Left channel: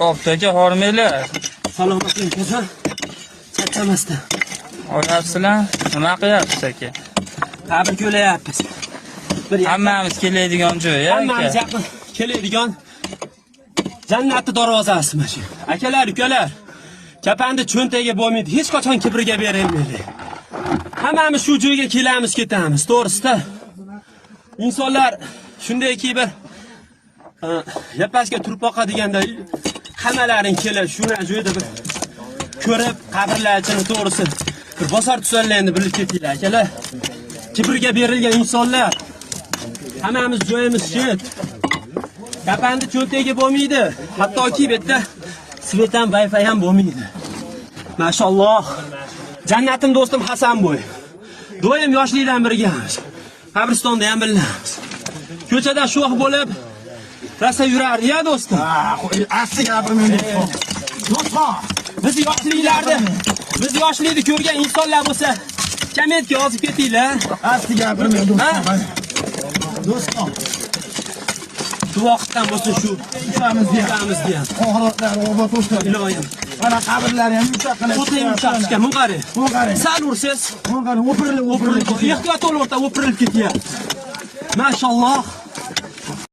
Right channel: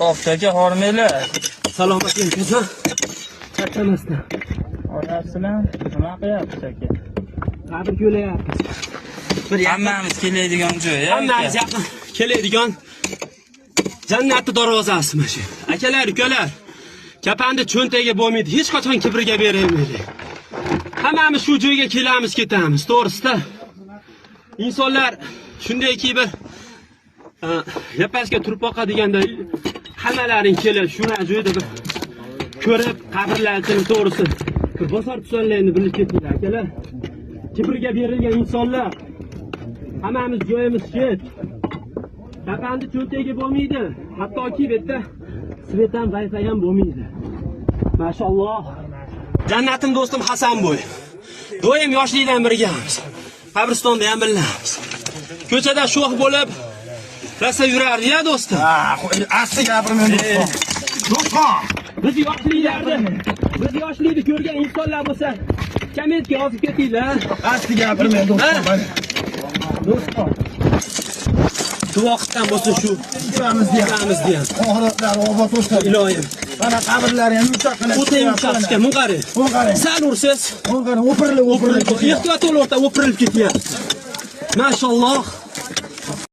Oftaga hormaylar. Salomating kuzim. Charchamasdan. Olasizlar, nima qilyapsiz aka? Qabr ko'layapmiz. Hammamiz keladigan joy, Hammamiz aka. yaqin keladigan jannatning darvozasi mana shu. Akalar, ukalar. Kapanda cho'ntagiga bo'lmaydi, hech qachon kibriga berilmaydi. Hammamiz shu joyga kelamiz, ketamiz, to'g'risida. İnsanlar shundayki bir yapashga turpoqa deganda hammalaring kelib shu joyda bir ko'rib qabrlarni to'g'risi bir bosar tusanlarni bilib ketinglar akalar. Kibrga berilgan insonlar hammamiz joyimiz shet. Kapanda cho'ntagiga bo'lmaydi. Hattoki bu yerda svet ham Wi-Fi ham bo'lmaydi. Mashalloh. Jannatim do'stim Hasanboy. Doim yoshlikdan birgamiz. Qabristonda ham birlamiz. Ko'chada sho'x bo'lib rasa yurardi ya do'stim. Asli gapirmayman do'stim. Do'stim. Biz yoshlikni ko'rgan insonlar bo'lsa, kommentga yozib ketinglar. Asli gapirmayman do'stim. Do'stim. Shu vaqtdan bo'lsa shu Ikamiz ham. Oxiratlar obod bo'lsin. Iloyim. Mana qabrlar ham yumshoq qilib. O'ta yumshoqqa mun qarang. Sal ursiz. O'pirilib. Ehtiyot o'rta o'pirilib ketyapti. Mashalloh.